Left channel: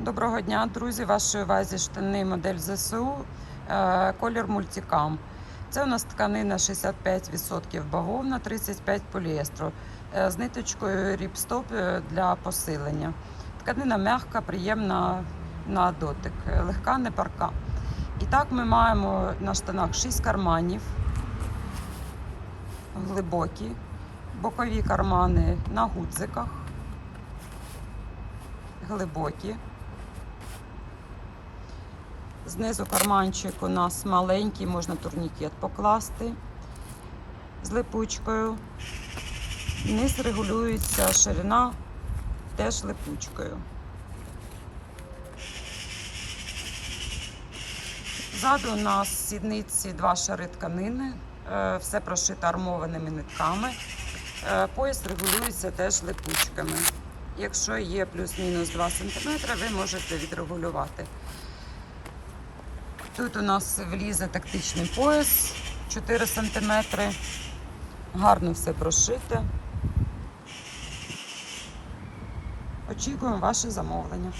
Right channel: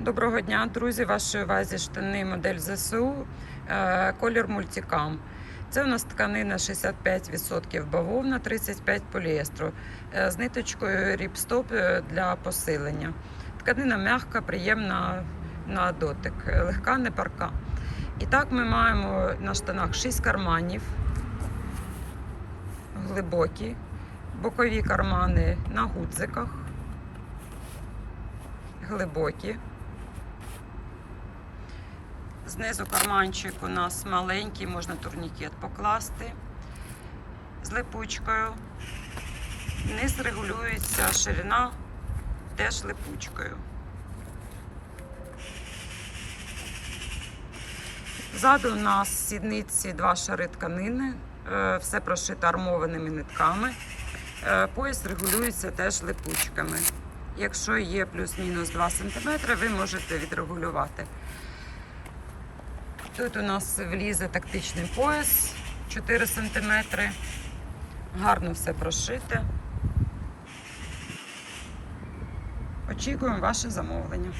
Доброго дня, друзі. Вашої увазі штани модель ЗСУ, е, колір мультикам. Це у нас тканина 65% бавовна, 35% поліестру е, з ниточкою ріпстоп е, для посилення. Тканина м'яка, приємна на дотик, легка, не парка. І так ми маємо на штанах 6 карманів, глибокі, бокові кармани на гудзиках, глибокі. Знизу карманчик у нас маленький, можна турнікет покласти з липучкою. Низ регулюється ширина теж липучкою. Ззаду у нас сідниці два шари тканини, е, все прошито армованими нитками. Е, Пояс регулюється теж липучками. Якщо є плюс-мінус 2 см, ви можете відрегулювати. Тут у нас влізе тактичний пояс 4 см. Гарно все прошите. Очікуємо ваше замовлення.